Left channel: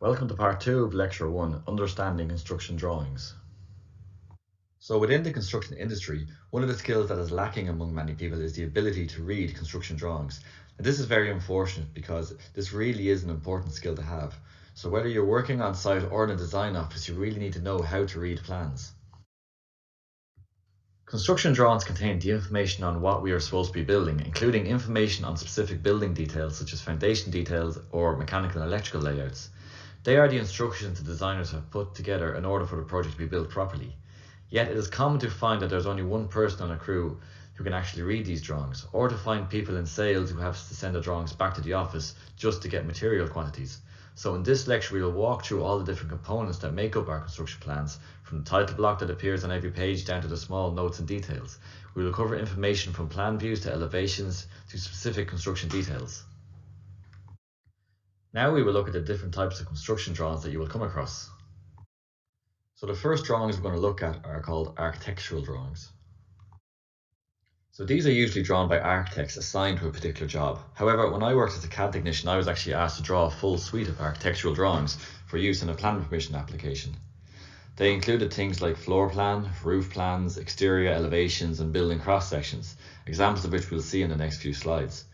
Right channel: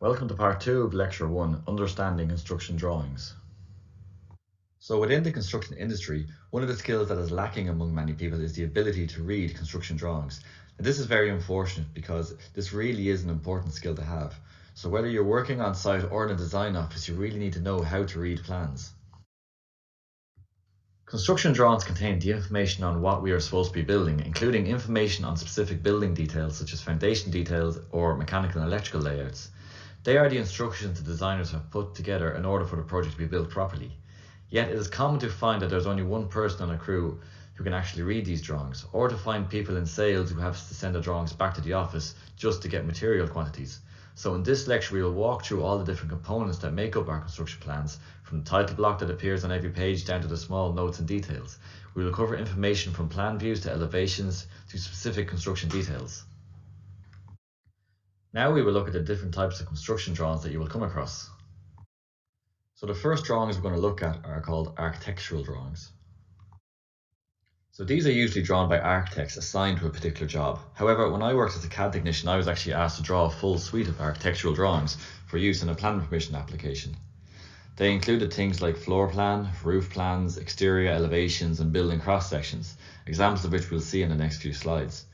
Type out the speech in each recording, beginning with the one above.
Welcome to part 2 of lecture 1, Understanding Construction Drawings. So within the construction industry, one of the skills that is lacking among many people is the ability to read construction drawings. And this is very unfortunate because this really is an important skill to have. So whether you're working on site or in a design office, you really need to know how to read plans. Construction drawings contain the information on what we are supposed to be building, including information on specific building details such as foundation details or mechanical and electrical layouts. They are the instructions the designers have put together in order for the project to be built properly. Yet it is common to find that there's only one person on a crew who can actually read these drawings, or to find people in sales who have to send the drawings back to the office just to get material quantities. So in this lecture we will walk through all the different components that make up our construction plans, from the title block that appears on every page down to the small notes and details. We will cover information from plan views to elevations to specific construction details. Now we will look at the different types of construction drawings that you will come across. So the first drawings we're going to look at are called architectural drawings. So these are usually drawn by architects assigned to a particular job. However, when I worked as a CAD technician, I was actually asked to draw a full suite of architectural drawings for use in a planning permission application. They included things like floor plan, roof plans, exterior elevations and building cross sections, examples of which we'll see in the next few slides.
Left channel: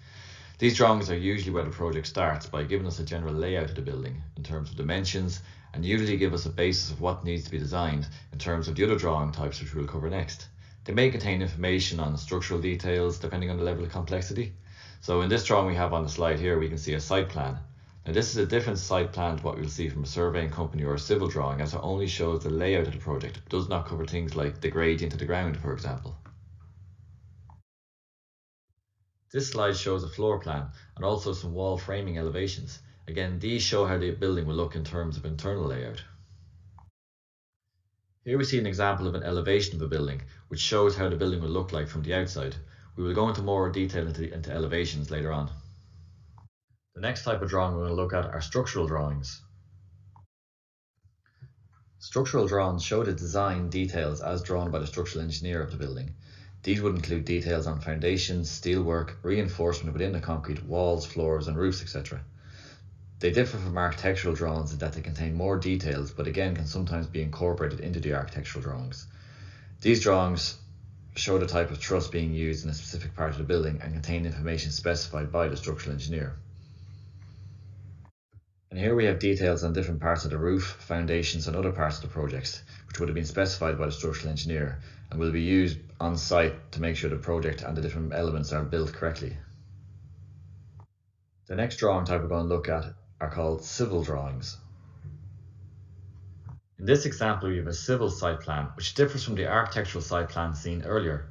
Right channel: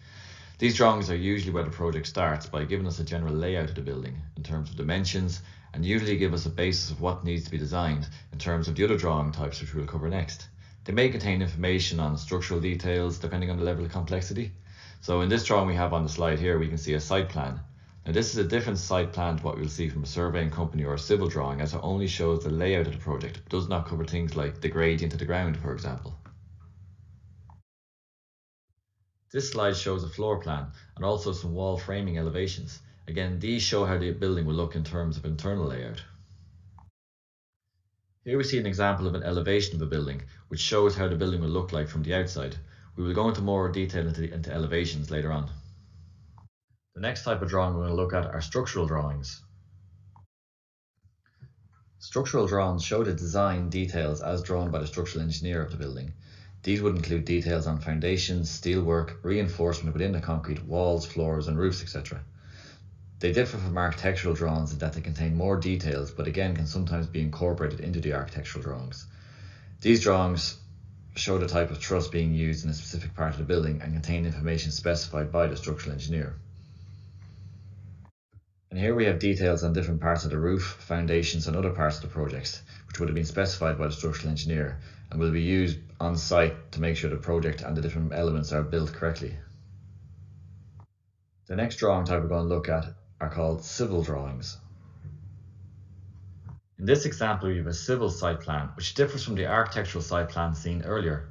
These drawings are usually where the project starts by giving us a general layout of the building in terms of dimensions, and usually give us a basis of what needs to be designed in terms of the other drawing types which we'll cover next. They may contain information on structural details depending on the level of complexity. So in this drawing we have on the slide here, we can see a site plan. Now this is a different site plan to what we'll see from a surveying company or a civil drawing, as it only shows the layout of the project. It does not cover things like the gradient of the ground, for example. This slide shows a floor plan and also some wall framing elevations. Again, these show how the building will look in terms of internal layout. Here we see an example of an elevation of a building, which shows how the building will look like from the outside. We will go into more detail into elevations later on. The next type of drawing we're going to look at are structural drawings. Structural drawings show the design details as drawn by the structural engineer of the building. These would include details on foundations, steelwork, reinforcement within the concrete, walls, floors and roofs, etc. They differ from architectural drawings in that they contain more details, but again can sometimes be incorporated into the architectural drawings. These drawings show the type of truss being used in a specific part of the building and contain information specified by the structural engineer. And here we have details on different parts of the roof, foundations and other parts of the projects, which would have been specified by the structural engineer and will be used on site to make sure the project and the different elements are built correctly. The next drawing type we're going to look at are called civil drawings. In this example we have a civil site plan, which differs from the architectural site plan seen earlier.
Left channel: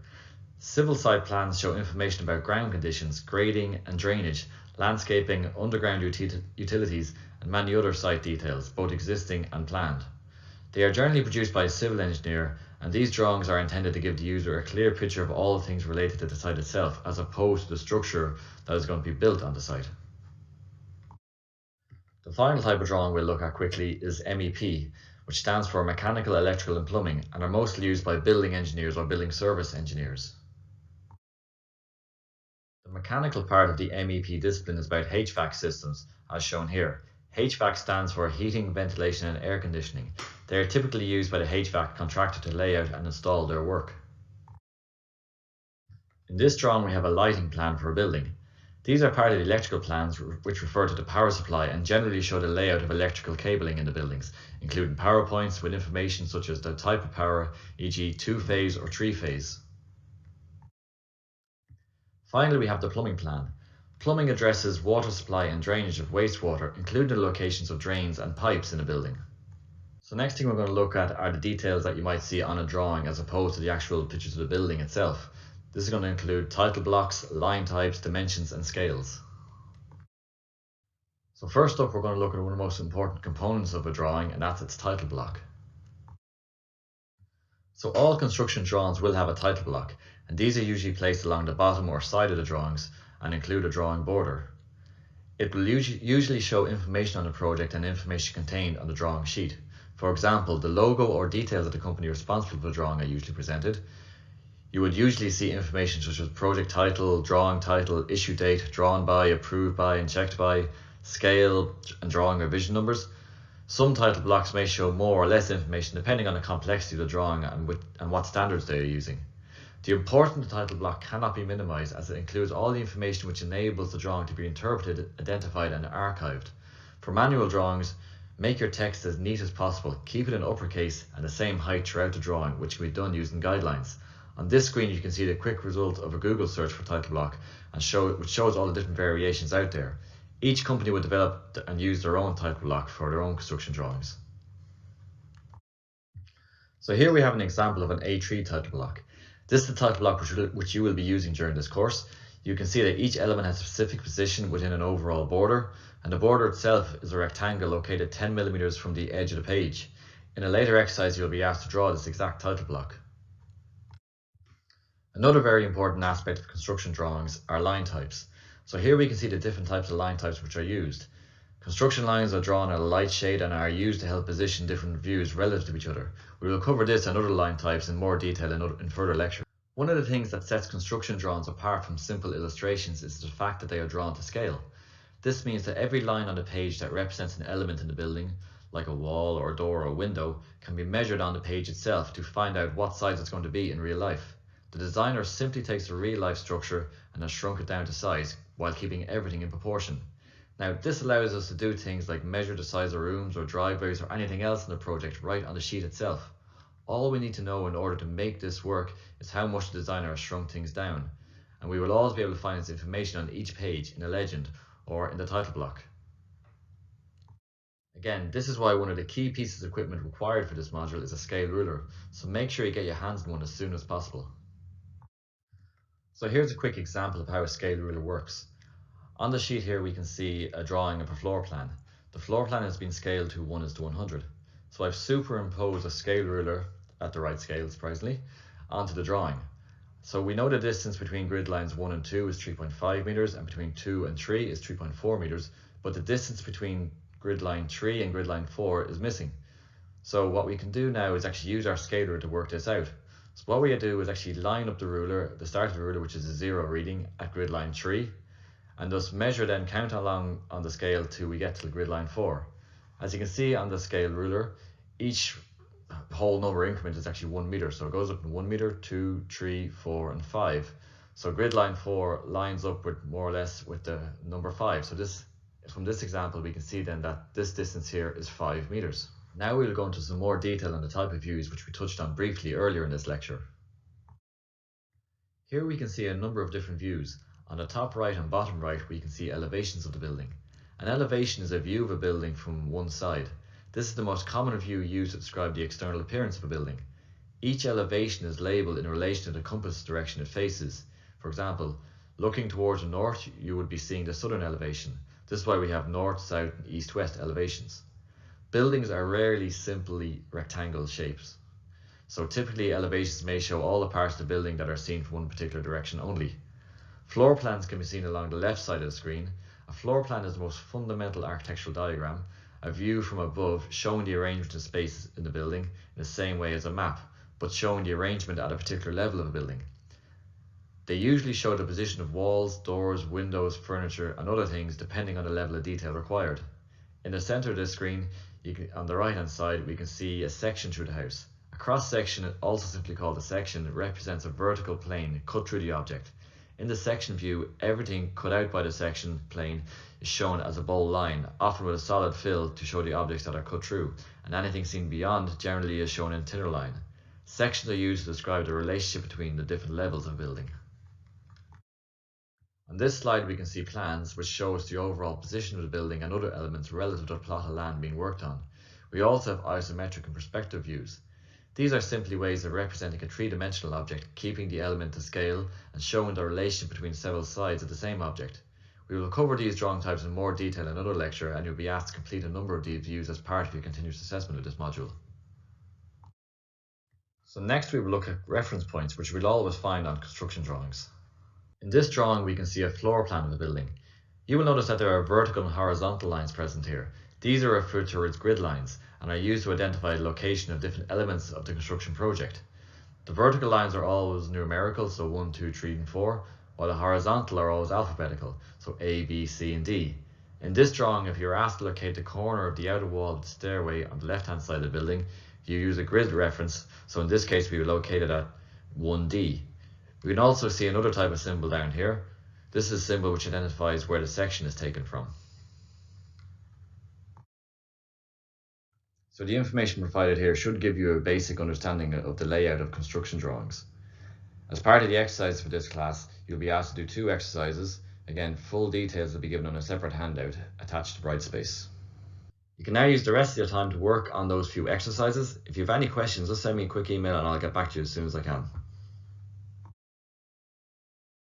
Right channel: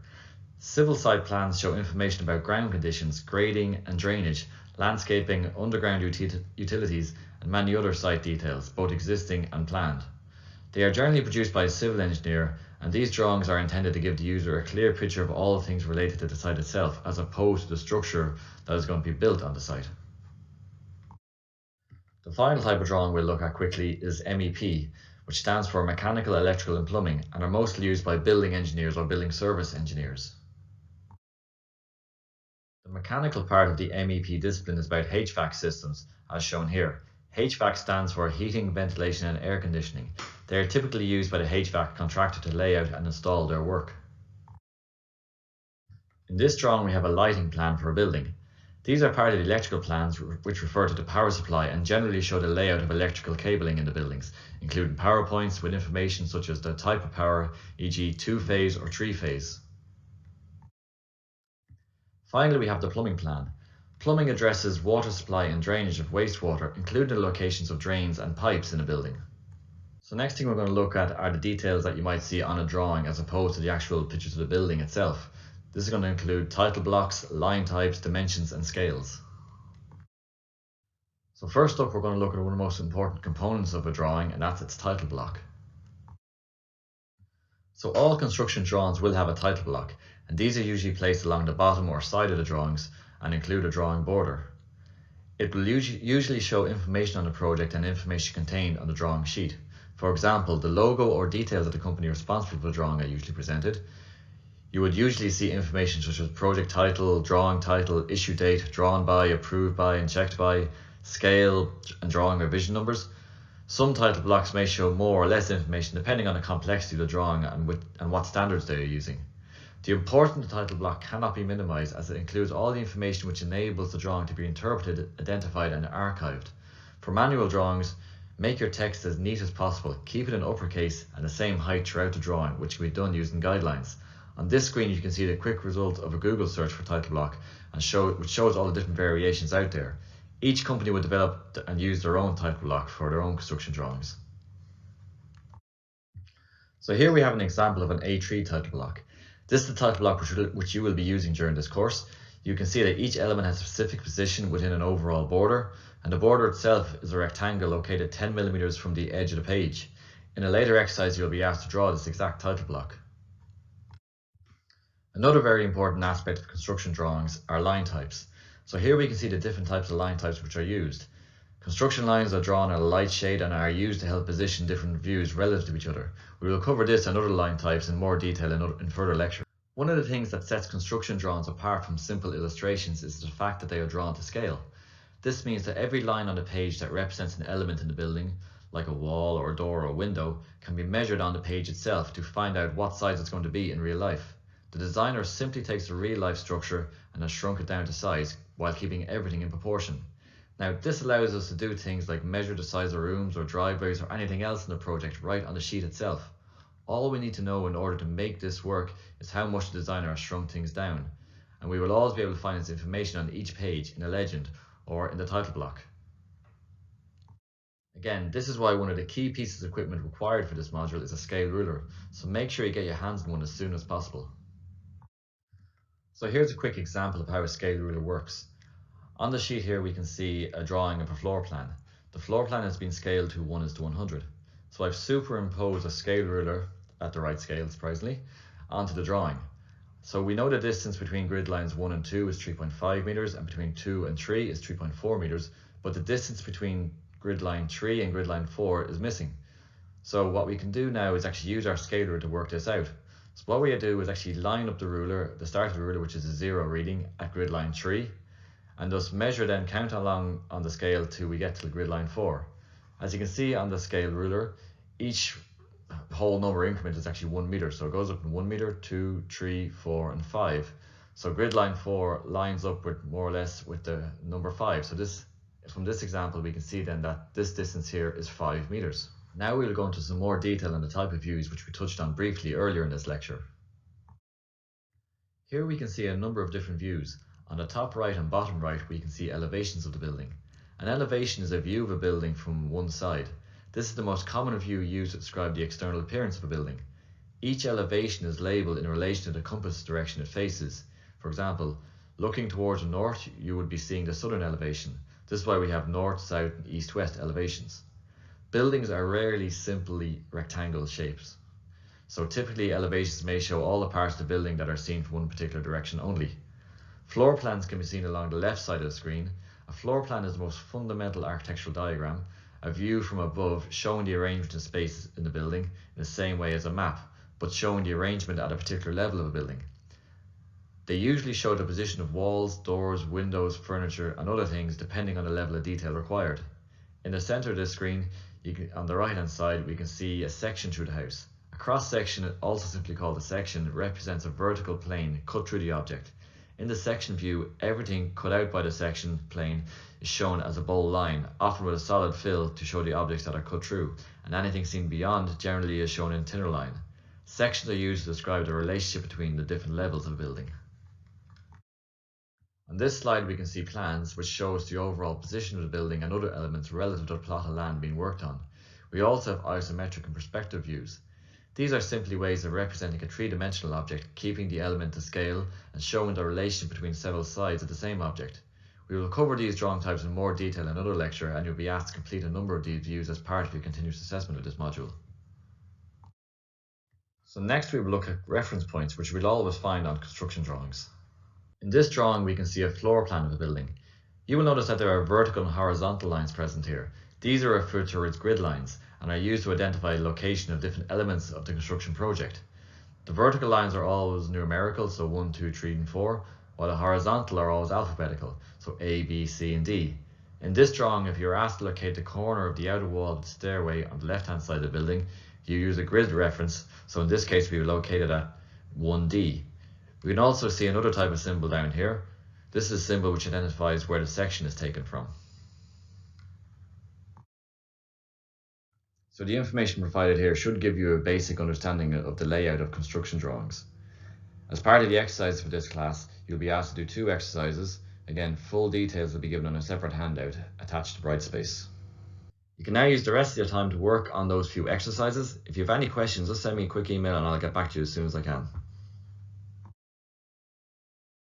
Civil site plans show information about ground conditions, grading and drainage, landscaping, underground utilities and many other site details, both existing and planned. They are generally produced by a civil engineer, and these drawings are intended to give the user a clear picture of all the things related to the site itself, as opposed to the structure that is going to be built on the site. The final type of drawing we'll look at quickly is MEP, which stands for Mechanical, Electrical and Plumbing, and are mostly used by building engineers or building service engineers. The mechanical part of the MEP discipline is about HVAC systems, as shown here. HVAC stands for heating, ventilation and air conditioning. They are typically used by the HVAC contractor to lay out and install their work. In this drawing we have a lighting plan for a building. These are part of the electrical plans, which refer to the power supply and generally show the layout of electrical cabling in the buildings, including power points with information such as the type of power, e.g. 2-phase or 3-phase. Finally, we have the plumbing plan. Plumbing addresses water supply and drainage of wastewater, including the locations of drains and pipes in a building. So next thing we're going to look at are the details that you might see on a drawing as opposed to the actual pictures of the building itself. This is going to include title blocks, line types, dimensions and scales. So first up we're going to look at one of the most important components of a drawing, and that's its title block. So all construction drawings will have a title block, and these are usually placed along the bottom or side of the drawings and include a drawing border. It will usually show information on the project and information contained on the drawing sheet. For example, the logo or details of the company responsible for the drawing are usually presented. You would usually see information such as project title, drawing title, issue date, drawn by, approved by, and checked by, scale, and drawing revision numbers. Some title blocks may show more or less information depending on the complexity of the drawing and what standards they are using. The importance of the title block cannot be minimized as it includes all the information which enables the drawing to be interpreted, identified, and archived. For manual drawings, make your text as neat as possible, keep it in uppercase and the same height throughout the drawing, which can be done using guidelines. On this screen you can see the quick result of a Google search for title block, which shows all the different variations out there. Each company would develop and use their own title block for their own construction drawings. So here we have an example of an A3 title block. This is the title block which you will be using during this course. You can see that each element has a specific position within an overall border, and the border itself is a rectangle located 10 millimeters from the edge of the page. In a later exercise you'll be asked to draw this exact title block. Another very important aspect of construction drawings are line types. So here we can see the different types of line types which are used. Construction lines are drawn at a light shade and are used to help position different views relative to each other. We will cover this and other line types in more detail in further lecture. One of the things that sets construction drawings apart from simple illustrations is the fact that they are drawn to scale. This means that every line on the page that represents an element in the building, like a wall or a door or a window, can be measured on the page itself to find out what size it's going to be in real life. The designer simply takes the real life structure and has shrunk it down to size while keeping everything in proportion. Now this allows us to do things like measure the size of rooms or driveways or anything else in the project right on the sheet itself. All we need to know in order to make this work is how much the designer has shrunk things down, and we will always be able to find this information on each page in a legend or in the title block. Again, this is why one of the key pieces of equipment required for this module is a scale ruler, so make sure you get your hands on one as soon as possible. So here's a quick example of how a scale ruler works. On the sheet here we can see a drawing of a floor plan. The floor plan has been scaled to 1:100. So I've superimposed a scale ruler at the right scale, surprisingly, onto the drawing. So we know the distance between grid lines 1 and 2 is 3.5 meters and between 2 and 3 is 3.4 meters, but the distance between grid line 3 and grid line 4 is missing. So what we can do now is actually use our scale ruler to work this out. So what we do is actually line up the ruler, the start of the ruler, which is a 0 reading at grid line 3, and thus measure, then count along on the scale till we get to the grid line 4. As you can see on the scale ruler, each whole number increment is actually 1 meter, so it goes up in 1 meter, 2, 3, 4, and 5. So grid line 4 lines up with more or less with the number 5. So from this example we can see then that this distance here is 5 meters. Now we will go into some more detail on the type of views which we touched on briefly earlier in this lecture. Here we can see a number of different views. On the top right and bottom right we can see elevations of the building. An elevation is a view of a building from one side. This is the most common view used to describe the external appearance of a building. Each elevation is labelled in relation to the compass direction it faces. For example, looking towards the north you would be seeing the southern elevation. This is why we have north, south, and east, west elevations. Buildings are rarely simply rectangle shapes. So typically elevations may show all the parts of the building that are seen from one particular direction only. Floor plans can be seen along the left side of the screen. A floor plan is the most fundamental architectural diagram, a view from above showing the arrangement of space in the building in the same way as a map, but showing the arrangement at a particular level of a building. They usually show the position of walls, doors, windows, furniture, and other things depending on the level of detail required. In the center of this screen, on the right hand side, we can see a section through the house. A cross section, also simply called a section, represents a vertical plane cut through the object. In the section view, everything cut out by the section plane is shown as a bold line, often with a solid fill to show the objects that are cut through, and anything seen beyond generally is shown in thinner line. Sections are used to describe the relationship between the different levels of a building. On this slide we can see plans which show us the overall position of the building and other elements relative to the plot of land being worked on. We also have isometric and perspective views. These are simply ways of representing a three-dimensional object, keeping the element to scale and showing the relation between several sides of the same object. We will cover these drawing types in more detail in another lecture, and you'll be asked to complete a number of these views as part of your continuous assessment of this module. So next we will look at reference points, which we'll always find on construction drawings. In this drawing we can see a floor plan of a building. You will notice that there are vertical and horizontal lines present here. These are referred to as grid lines and are used to identify the location of different elements of the construction project. The vertical lines are always numerical, so 1, 2, 3, and 4, while the horizontal are always alphabetical, so A, B, C, and D. In this drawing, if you were asked to locate the corner of the outer wall of the stairway on the left-hand side of the building, you use a grid reference, so in this case we would locate it at 1D. We can also see another type of symbol down here. This is a symbol which identifies where the section is taken from. So the information provided here should give you a basic understanding of the layout of construction drawings. As part of the exercise for this class, you'll be asked to do 2 exercises. Again, full details will be given on a separate handout attached to Brightspace. You can now use the rest of your time to work on those few exercises. If you have any questions, just send me a quick email and I'll get back to you as soon as I can.